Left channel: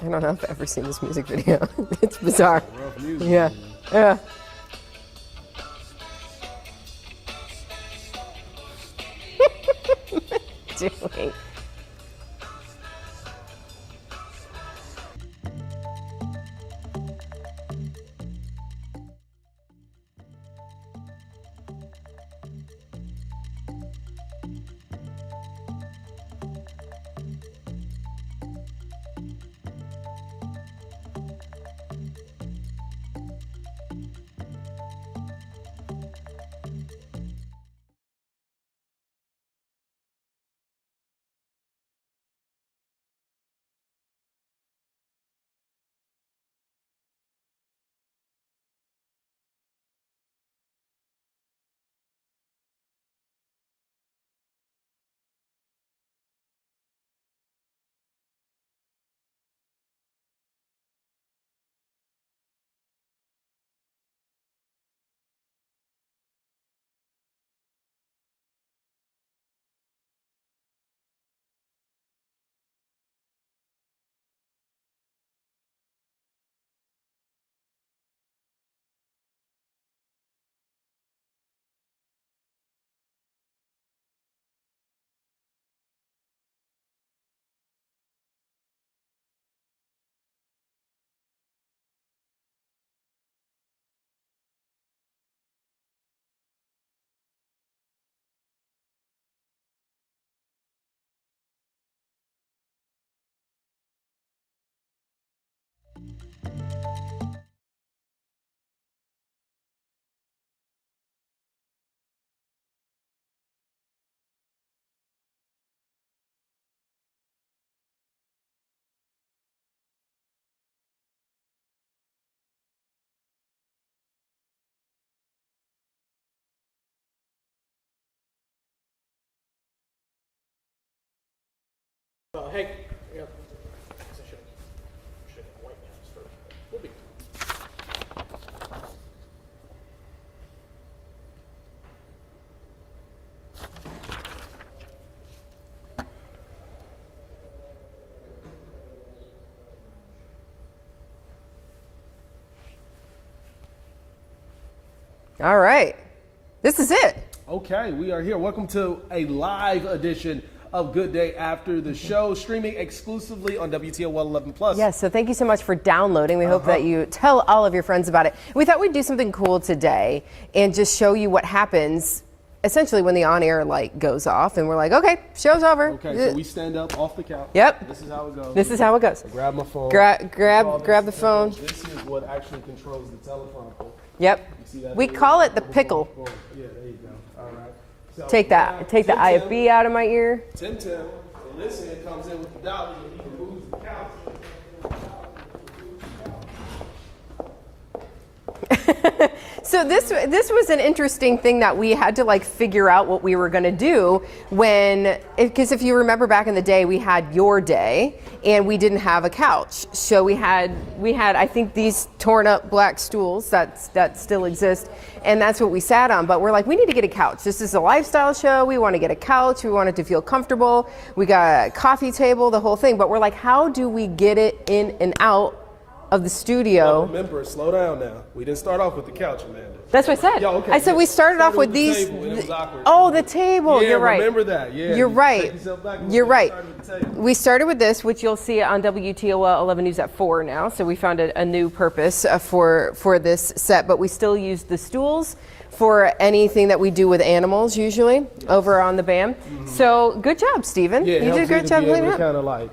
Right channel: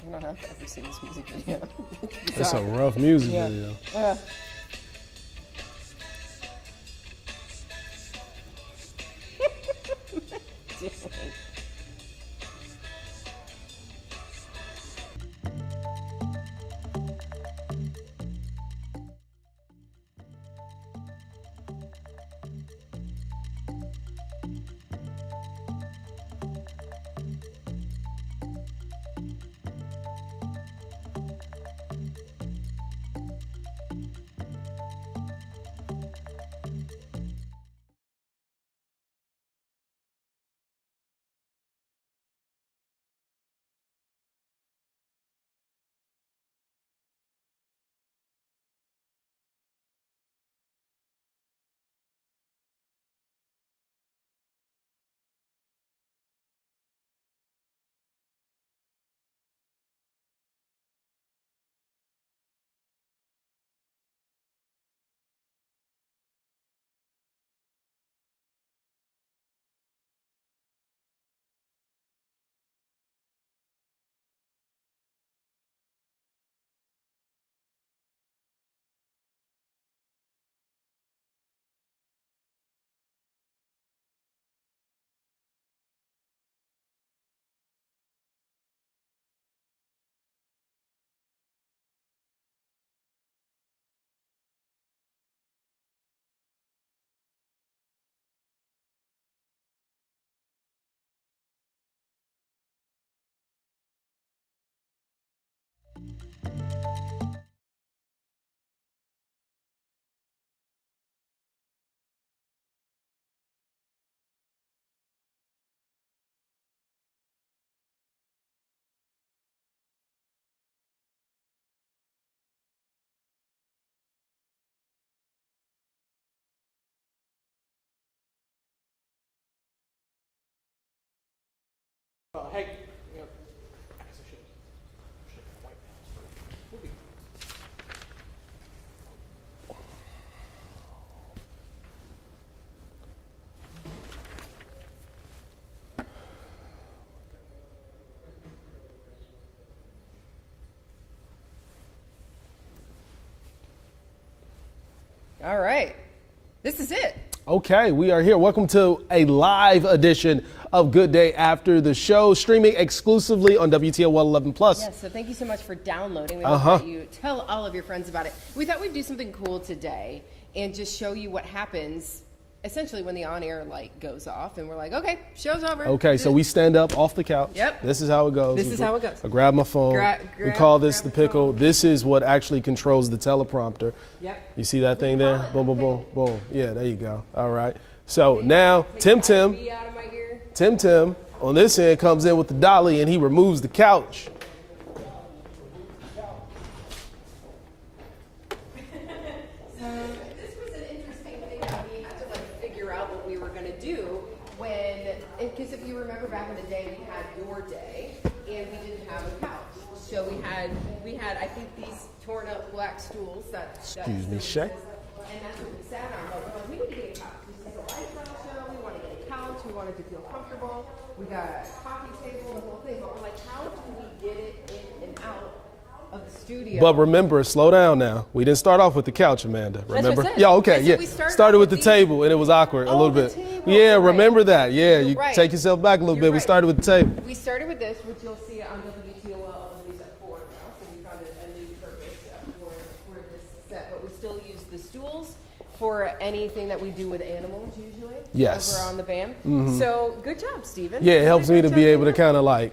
I don't know if I've ever seen this music video. It's bizarre. It's a rough music Yeah. video. Yeah. Doing. Hey, yeah. I should have white pants first. We'll be. All right. This is it. Okay, we are here. Welcome to a live edition of Good Day After the Show, streaming exclusively on WTOL 11 Plus. Yes, so thank you so much for downloading. We hope that you tell all of your friends about it. We thought we'd do something cool today and just show you what happens essentially when the on-air light goes off and we're like, okay, show's over. Okay, so we stand up off the couch. Yep. This is how it goes. This is how it goes. I grab my phone. Grab call this the pickle. phone. This is what actually controls the teleprompter. Yep. You see that we thing call there? it the Boom, boom, pickle. boom, boom. Yeah, there you go. All right. So Take now that. Take Tim the IV out of my ear. Tim on this end comes in with the dolly and he removes the couch. So this was an interesting thing that we had to like figure out what we were going to do because if you remember back in the day, we had your day and we didn't have a couch. So we had I think these torn up black stools that still exist. And that's what we sat on. But we're like, we need to get a couch. This is a lifestyle show. We want to get a couch. We want it to feel comfortable. We got a coffee table, the whole thing. But we're like, how do we get it in and out of the studio? But remember, slow down now. We didn't start off with the couch, Amanda. Remember? That's what I said. Yeah, okay. I said we started off with with the these, table, and it was awkward. a Oh, little the bit. table. Yeah, You're right. remember that. Yeah, You're right. Take yourself back a little You're bit. right. We started with the table. We started with this, which you'll see on WTOL 11 News at 4 now. So we found a new purpose for this set, but we still use the stools for anything that we do with animals, usually, over on the BAM. So good job, Stephen. Yeah, it You helps did a me great to job be able cleaning to up. kind of like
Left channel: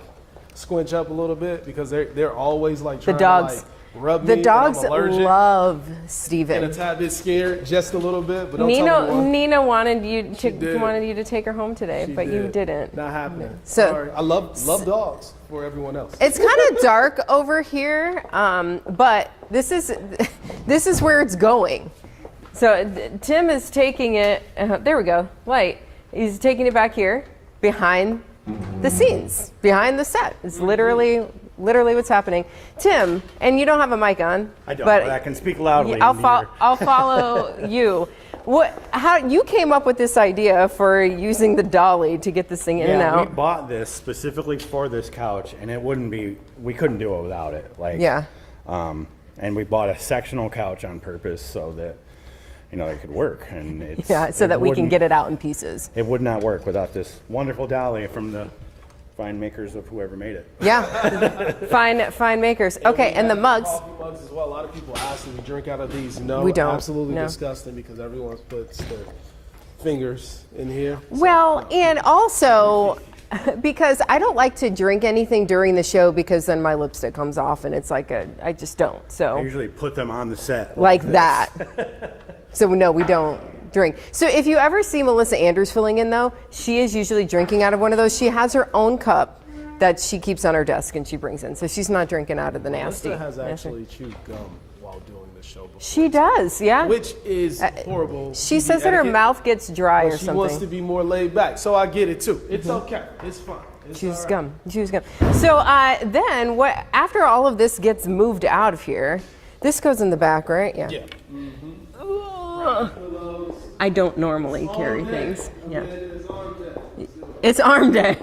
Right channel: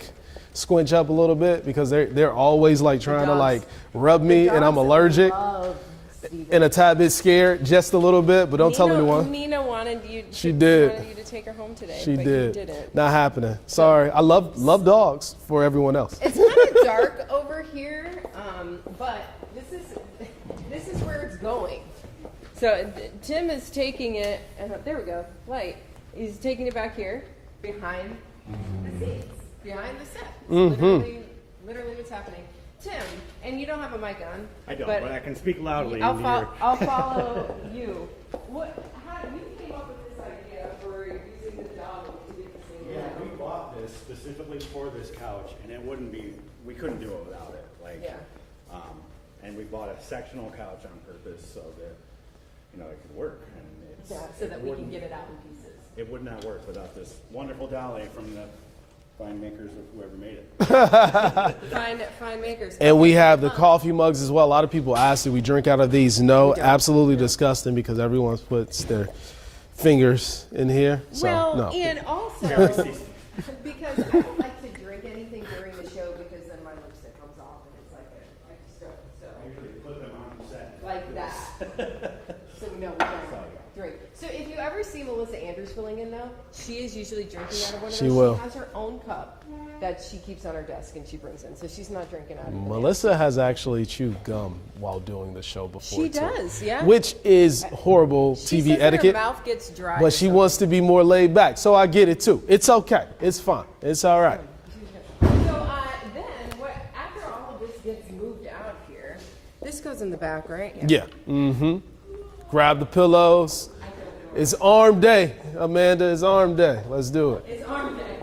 squinch up a little bit because they're always like trying to dogs. like rub me, The and I'm dogs allergic love Stephen. and a tad bit scared, just a little bit. But don't tell me why. Nina wanted you did. to take her home today, She but did. you didn't. Not happening. So- Sorry. I love dogs for everyone else. It's kind of dark over here, but this is where it's going. So Tim is taking it. There we go. Light. He's taking it back here behind the scenes, behind the set. It's literally what's happening. Tim, and you don't have a mic on. I don't, but I can speak loudly. I'll follow you. How you came up with this idea for using the dolly to get this thing in and Yeah, out? we bought this specifically for this couch, and we couldn't do it without it. Like, Yeah. And we bought a sectional couch on purpose so that, it could work. And So that we can get it out in pieces. It would not work without this wonderful dolly from the fine makers of whoever made it. Yeah, fine makers. And okay, we have and the mugs. coffee mugs as well. A lot of people ask if we drink out of these. No, We don't. absolutely No. disgusting because everyone puts their fingers in here. So, Well, no. and also because I don't like to drink anything during the show because then my lipstick comes off and it's like I just don't. I So usually put them on the set. like this. that. So no, we don't drink. So if you ever see Melissa Andrews filling in though, she is usually drinking out of one of those. She will. has her own cup that she keeps on her desk and she brings in. So she's not drinking out of the Melissa nasty. has actually chewed gum while doing the show before. She too, does, yeah. Which is horrible She TV says that her etiquette, mouth gets dry or but she wants to something. be more laid back. So I get it too. It's okay. It's fine. It's all right. Gum. Chews gum. So then, after all of this gets moved out of here, this goes in the back, right? Yeah. Mm-hmm. Grab the pillows. I don't normally. It's arm carry day, things. Amanda. It's arm day. Let's do it. It's arm day.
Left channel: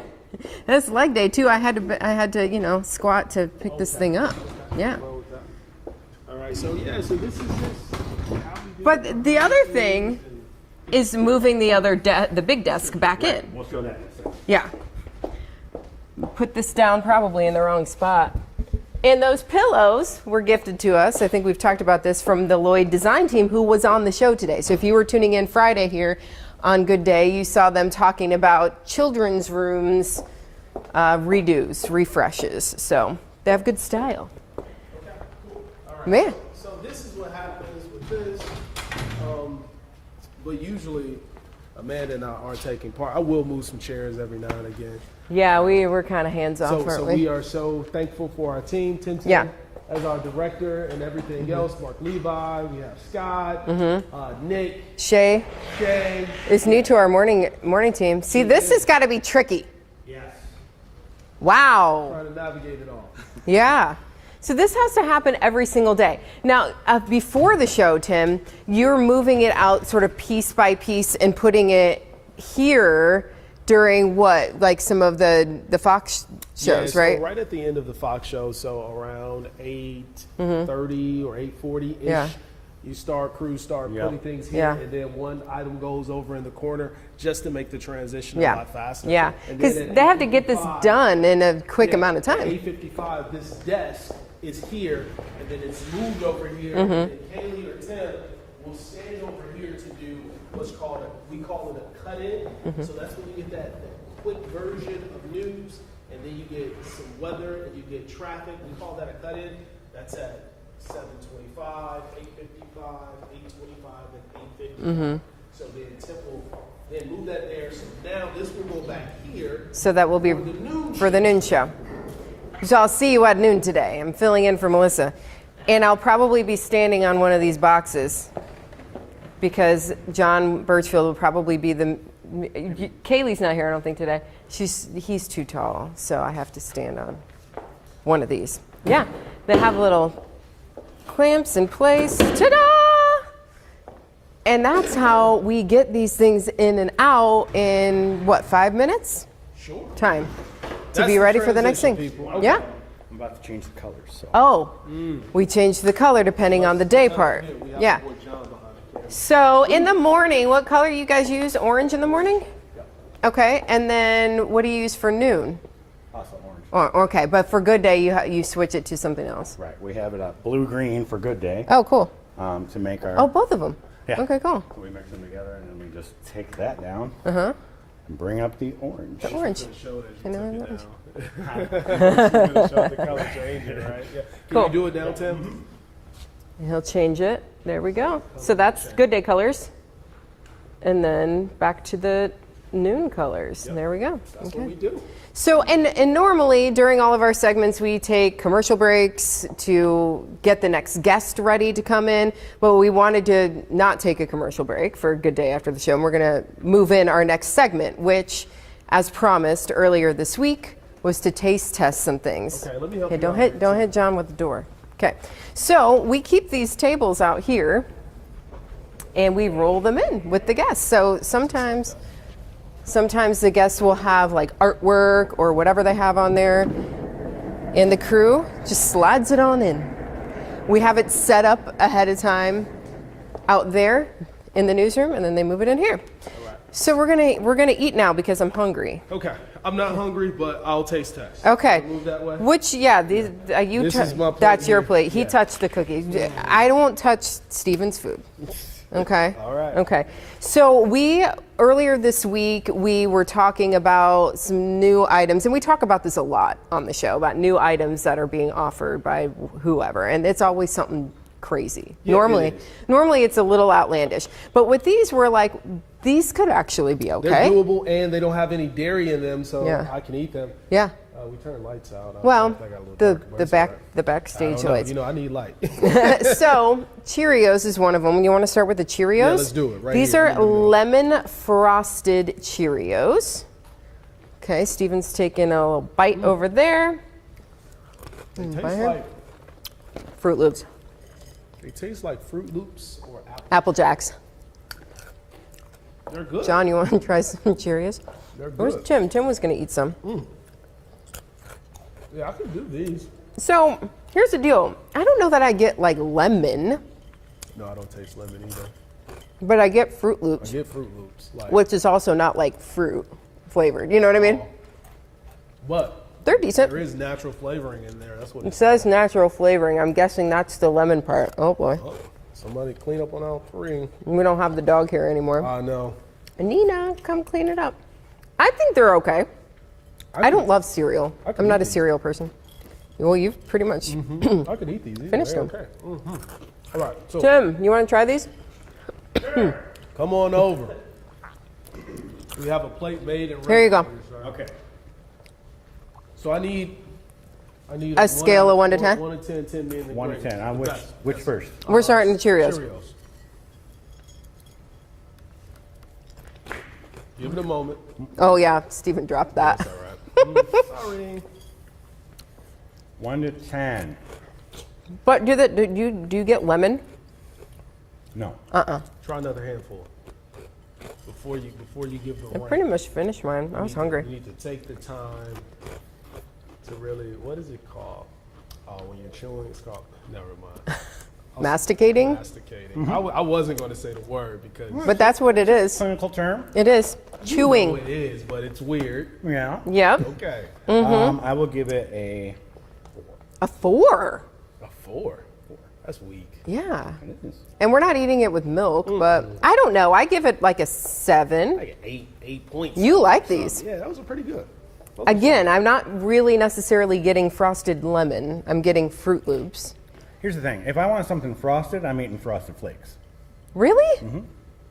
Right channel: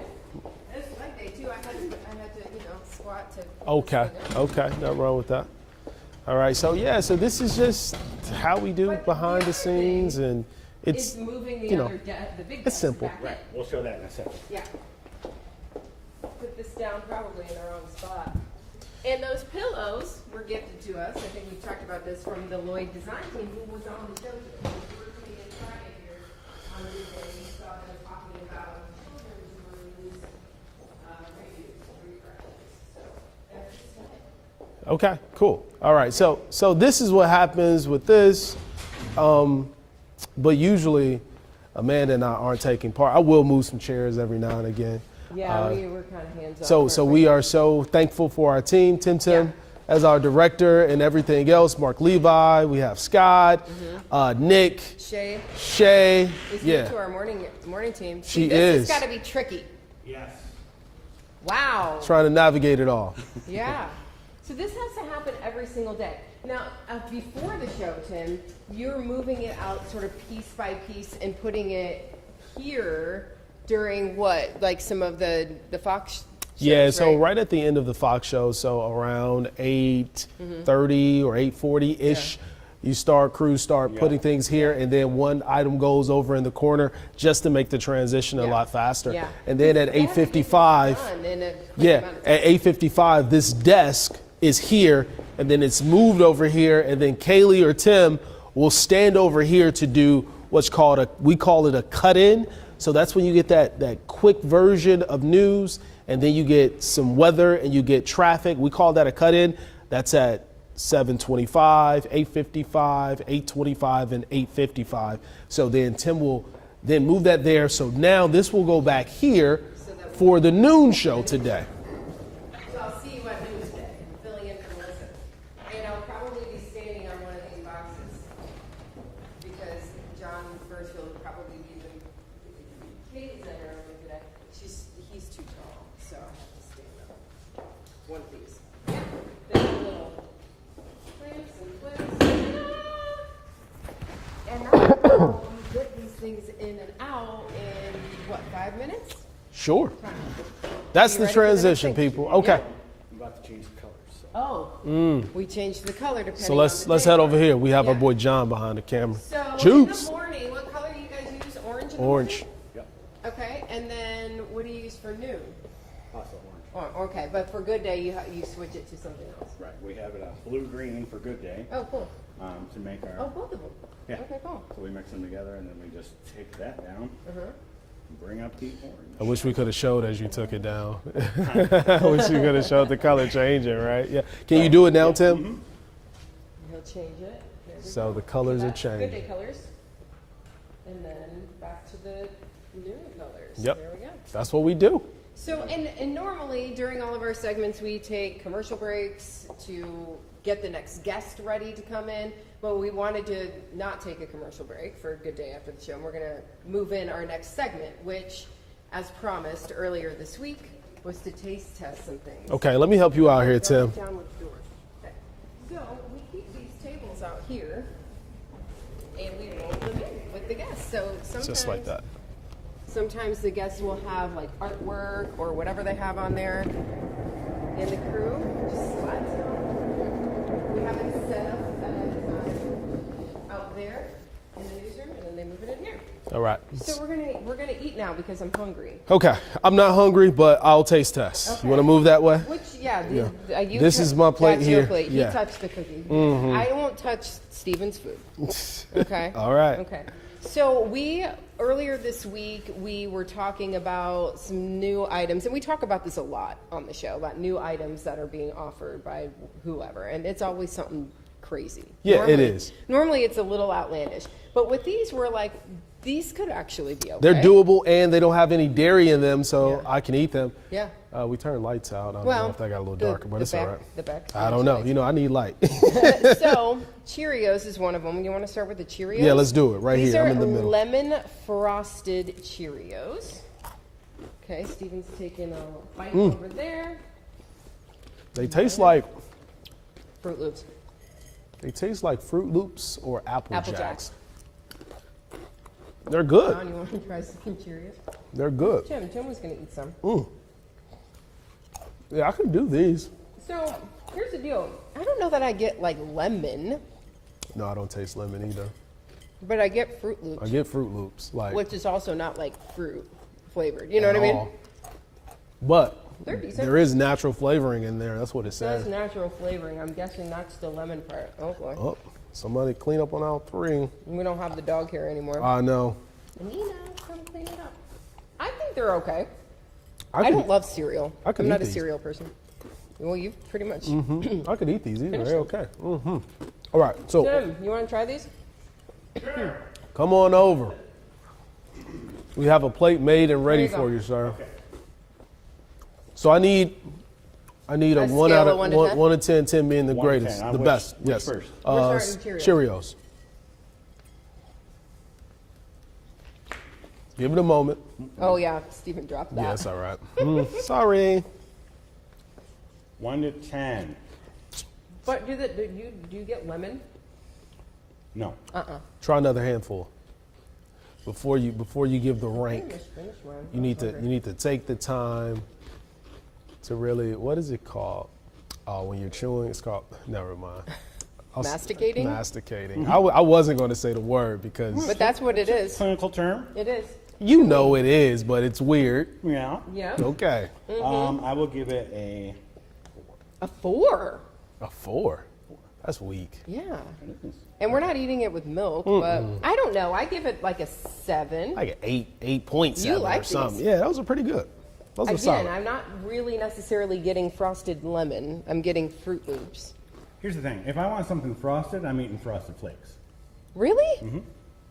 That's leg day too. I had to squat to pick this thing up. Okay. Yeah. Nothing wrong with that. All right. So this is just how we do But it behind the other scenes, thing and it's Is moving the other the big desk simple. back in. We'll show that in a second. Yeah. Put this down probably in the wrong spot. And those pillows were gifted to us. I think we've talked about this from the Lloyd design team who was on the show today. So if you were tuning in Friday here on Good Day, you saw them talking about children's rooms redos, refreshes. So they have good style. Okay, cool. All right, Man. so this is what happens with this, but usually Amanda and I aren't taking part. I will move some chairs every now and again. Yeah, we were kind of hands off. So we are so thankful for our team, Tim Yeah. as our director and everything else. Mark Levi, we have Scott, Nick, Shay Yeah. is new to our morning team. See, She this is. has got to be tricky. Yes. Wow. Trying to navigate it all. Yeah. So this has to happen every single day. Now, before the show, Tim, you're moving it out sort of piece by piece and putting it here during what, like some of the Fox shows, Yeah, so right? right at the end of the Fox show, so around 8:30 or 8:40-ish, Yeah. crews start putting things here, Yeah. and then one item goes over in the corner just to make the transition a lot faster. Yeah. And then at they have to get this 8:55 done in a quick amount of time. At 8:55, this desk is here, and then it's moved over here, and then Kaylee or Tim will stand over here to do what's called we call it a cut-in. So that's when you get that quick version of news, and then you get some weather and you get traffic. We call that a cut-in. That's at 7:25, 8:55, 8:25, and 8:55. So then Tim will then move that there. So now this will go back here So that will for be the noon show. For the noon today. show. So I'll see you at noon today. I'm filling in for Melissa. And I'll probably be standing on one of these boxes because John Birchfield will probably be Kaylee's not here, I don't think, today. He's too tall, so I have to stand on one of these. Yeah, they have little clamps in place. Ta-da! And that's how we get these things in and out in, 5 minutes? Sure. Time. That's be the ready for the next transition, thing. people. Okay. Yeah. I'm about to change the colors. So. Oh, we changed the color depending So on the day let's head part. over here. We have Yeah. our boy John behind the camera. So in the Juice. morning, what color you guys use? Orange in the Orange. morning? Yep. Okay, and then what do you use for noon? Also orange. Okay, but for good day, you switch it to something else. Right. We have it blue-green for good day Oh, cool. to make our. Oh, both of them. Yeah. Okay, cool. So we mix them together, and then we just take that down. And bring up the orange. I wish we Orange. could have showed as you took it down. I wish you could have showed the color changing, right? Yeah. Can you do it now, Tim? He'll change it. There we So go. the colors So will that's change. good day colors. And then back to the noon colors. Yep. There we go. That's what we do. So, and normally during all of our segments, we take commercial breaks to get the next guest ready to come in, but we wanted to not take a commercial break for a good day after the show, and we're gonna move in our next segment, which, as promised earlier this week, was to taste test some things. Okay, let me help you don't out hit, here, Don't Tim. hit John with the door. Okay, so we keep these tables out here, and we roll them in with the guests. So sometimes, that. sometimes the guests will have like artwork or whatever they have on there, and the crew just slides it on in. We have it set up ahead of time out there in the newsroom, and then they move it in here. All right. So we're gonna eat now because I'm hungry. Okay. I'm not hungry, but I'll taste test. Okay. You wanna move that way? Which, yeah, these, you This is my plate That's your here. plate. He Yeah. touched the cookies. I won't touch Steven's food. Okay. All right. Okay. So earlier this week, we were talking about some new items, and we talk about this a lot on the show, about new items that are being offered by whoever, and it's always something crazy. Yeah, it is. Normally it's a little outlandish, but with these, we're like, these could actually be okay. They're doable and they don't have any dairy in them, so Yeah. I can eat them. Yeah. We turned lights out. I don't know Well, if they got a little the darker, but the it's all back right. the backstage I don't know. lights. You know, I need light. So Cheerios is one of them. You want to start with the Cheerios? Yeah, let's do it right These here. are I'm in the middle. lemon frosted Cheerios. Okay, Steven's taking a little bite over there. They taste like Fruit Loops, Fruit Loops or Apple Jacks. They're good. John, you want to try some Cheerios? They're Where's good. Tim? Tim was going to eat some. Yeah, I can do these. So here's the deal. I don't know that I get like lemon, No, I don't taste lemon either. but I get Fruit I Loops, get Fruit Loops, like which is also not like fruit flavored. You know what I mean? But They're decent. there is natural flavoring in there. That's what it It says natural flavoring. I'm guessing that's the lemon part. Oh boy. Oh, somebody clean up on aisle 3. We don't have the dog here anymore. I know. Nina, come clean it up. I think they're okay. I don't love cereal. I can I'm eat not a these. cereal person. Well, you've pretty much. I could eat these. Either. Finished They're them. okay. All right, so Tim, you want to try these? come on over. We have a plate made and Here ready you go. for you, sir. Okay. So I need A one scale out of 1 to 10? 1 to 10, 10 being the 1 to greatest, 10. the Which- best. which yes. first? We're starting with Cheerios. Cheerios. Give it a moment. Oh yeah, Steven dropped that. That's all right. Sorry. 1 to 10. But do you get lemon? No. Try another handful before you give the rank. Pretty much finished mine. I was hungry. You need to take the time to really, what is it called? When you're chewing, it's called, never mind. Masticating? Masticating. I wasn't going to say the word because But that's what it is. Clinical term? It is. you Chewing. know it is, but it's weird. Yeah. Yep. Okay. I will give it a A 4. A 4. That's weak. Yeah. It is. And we're not eating it with milk, but I don't know. I give it like a 7. I get 8 points. You out of like something. these. Yeah, those are pretty good. Those are Again, solid. I'm not really necessarily getting frosted lemon. I'm getting Fruit Loops. Here's the thing. If I want something frosted, I'm eating Frosted Flakes. Really?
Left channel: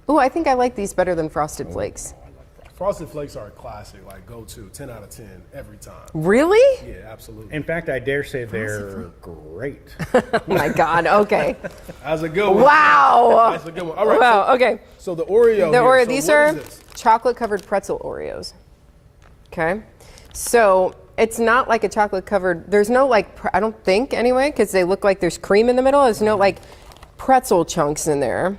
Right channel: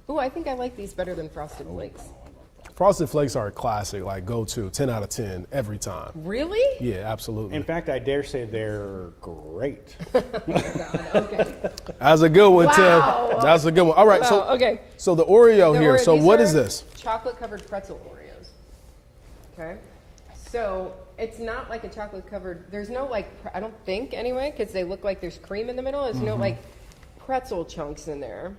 Oh, I think I like these better than Frosted Flakes. Frosted Flakes are a classic, like go to 10 out of 10 every time. Really? Yeah, absolutely. In fact, I dare say they're great. Oh my God. Okay. That's a good one, Wow. Tim. That's a good one. All right. Wow, So, okay. So the Oreo here. So These what are is this? chocolate covered pretzel Oreos. Okay. So it's not like a chocolate covered, there's no like, I don't think anyway, because they look like there's cream in the middle. There's no like pretzel chunks in there.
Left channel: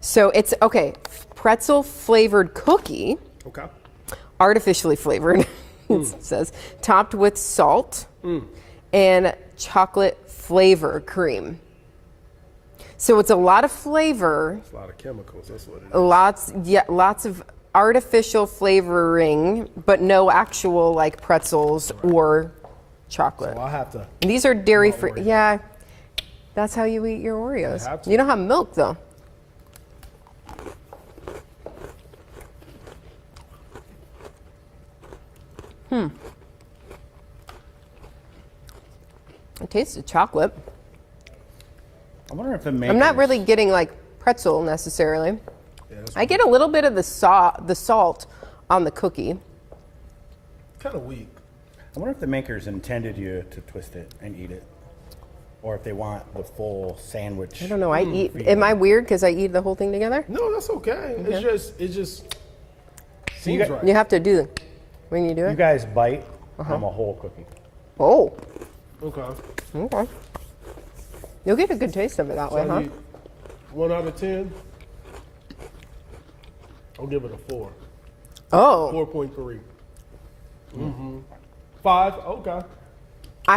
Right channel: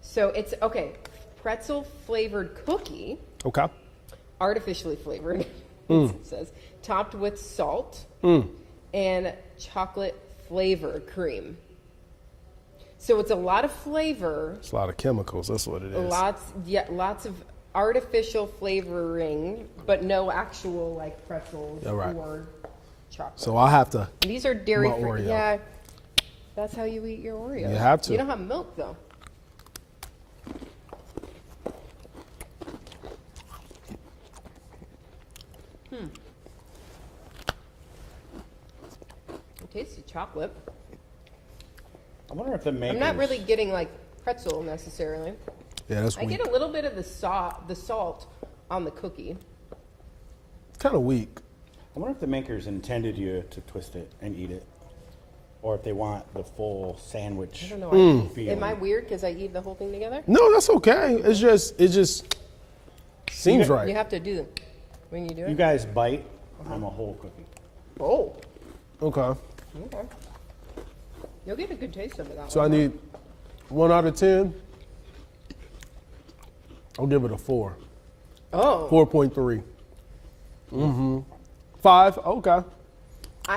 So it's, okay, pretzel flavored cookie, Okay. artificially flavored, it says, topped with salt and chocolate flavor cream. So it's a lot of flavor. It's a lot of chemicals. That's what it is. Lots of artificial flavoring, but no actual like pretzels Right. or chocolate. So I have to. These are dairy My free. Oreo. Yeah, that's how you eat your Oreos. You have to. You don't have milk though. It tastes of chocolate. I wonder if the makers... I'm not really getting like pretzel necessarily. Yeah, that's I get a little bit of the salt on the cookie. kind of weak. I wonder if the makers intended you to twist it and eat it. Or if they want the full sandwich. I don't know. I eat. Am I weird because I eat the whole thing together? No, that's okay. It just seems got- right. You have to do when you do You it. guys bite from a whole cookie. Oh, Okay. okay. You'll get a good taste of it that So way, I need 1 out of 10. I'll give it a 4. Oh. 4.3. Mm-hmm. 5. Okay.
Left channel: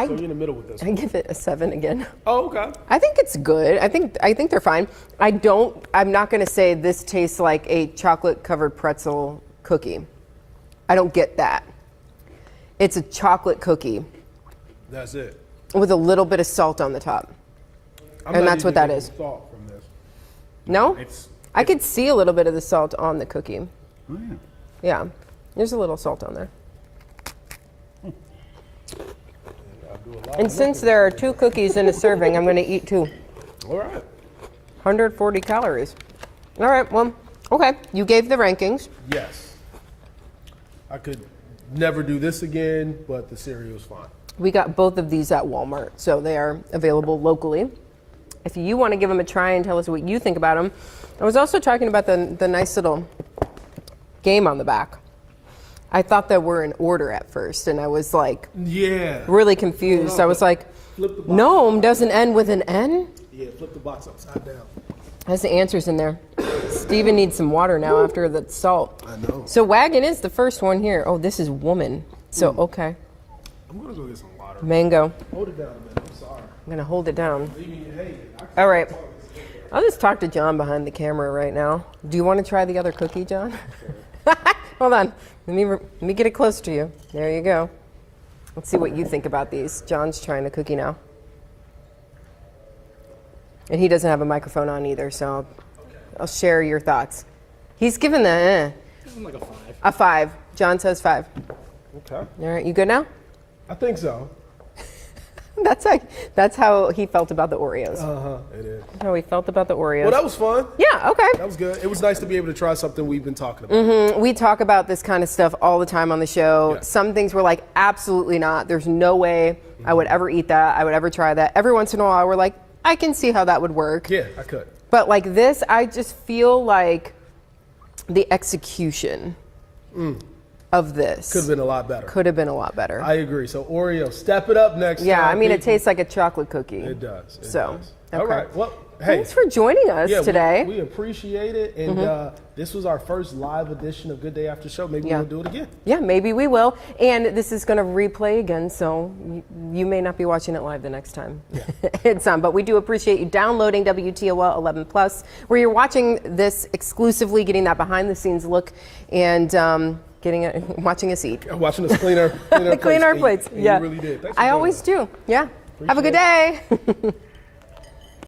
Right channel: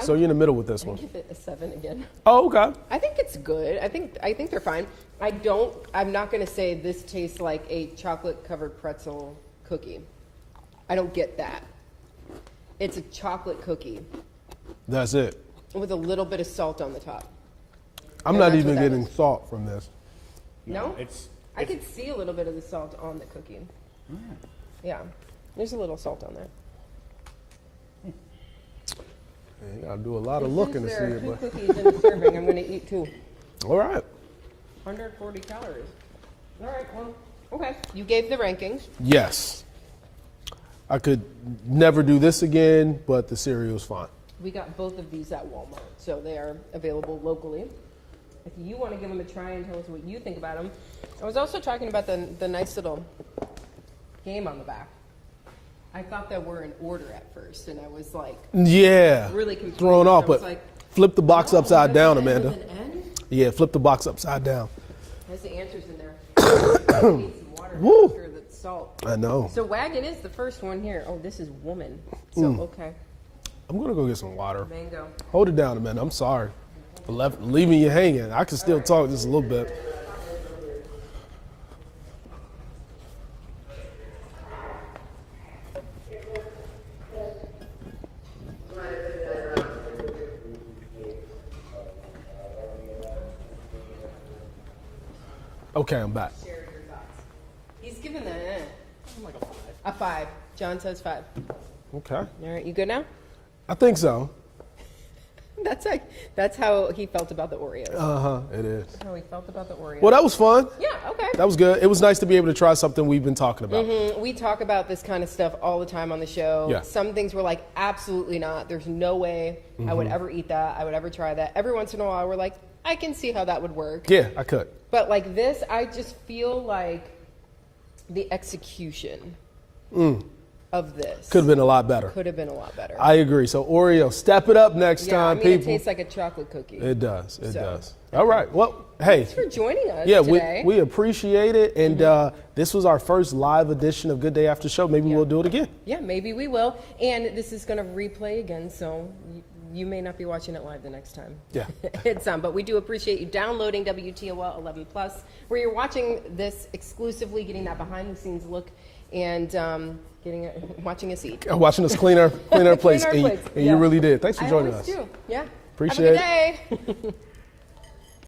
So you're in the middle with this I one. give it a 7 again. Oh, okay. I think it's good. I think they're fine. I'm not gonna say this tastes like a chocolate covered pretzel cookie. I don't get that. It's a chocolate cookie That's it. with a little bit of salt on the top. I'm And not that's even what that getting is. salt from this. No? It's I could see a little bit of the salt on the cookie. yeah. Yeah. There's a little salt on there. I do a lot And of since looking there are to see 2 it. cookies in a serving, I'm gonna eat 2. All right. 140 calories. All right, well, okay. You gave the rankings. Yes. I could never do this again, but the cereal's fine. We got both of these at Walmart, so they are available locally. If you want to give them a try and tell us what you think about them. I was also talking about the nice little game on the back. I thought that were in order at first, and I was like Yeah. really Thrown confused. off, I was but like, flip the box no, upside doesn't down. end with an Amanda. N? Yeah, flip the box upside down. Has the answers in there. Steven needs some water now after the salt. I know. So wagon is the first one here. Oh, this is woman. So, okay. I'm gonna go get some water. Mango. Hold it down a minute. I'm sorry. I'm going to hold it down. Leaving you hanging. I can All still right. talk just a little bit. I'll just talk to John behind the camera right now. Do you want to try the other cookie, John? Hold on. Let me get it close to you. There you go. Let's see what you think about these. John's trying the cookie now. And he doesn't have a microphone on either, so Okay, I'm I'll back. share your thoughts. He's given the I'm like a 5. a 5. John says 5. Okay. All right, you good now? I think so. That's how he felt about the Oreos. It is. That's how he felt about the Oreos. Well, that was fun. Yeah, okay. That was good. It was nice to be able to try something we've been talking about. We talk about this kind of stuff all the time on the show. Yeah. Some things we're like, absolutely not. There's no way I would ever eat that. I would ever try that. Every once in a while, we're like, I can see how that would work. Yeah, I could. But like this, I just feel like the execution of this Could have been a lot better. could have been a lot better. I agree. So Oreo, step it up next Yeah, time. I mean, it people. tastes like a chocolate cookie. It does. It So, does. okay. All right. Well, hey. Thanks for joining us Yeah, today. we appreciate it. And this was our first live edition of Good Day After Show. Maybe Yeah. we'll do it again. Yeah, maybe we will. And this is going to replay again, so you may not be watching it live the next time. Yeah. It's but we do appreciate you downloading WTOL 11 Plus, where you're watching this exclusively, getting that behind the scenes look, and watching us eat. Watching us clean our plates. Clean our and plates. and Yeah. you really did. Thanks for I joining always us. do. Yeah. Have a Appreciate good day.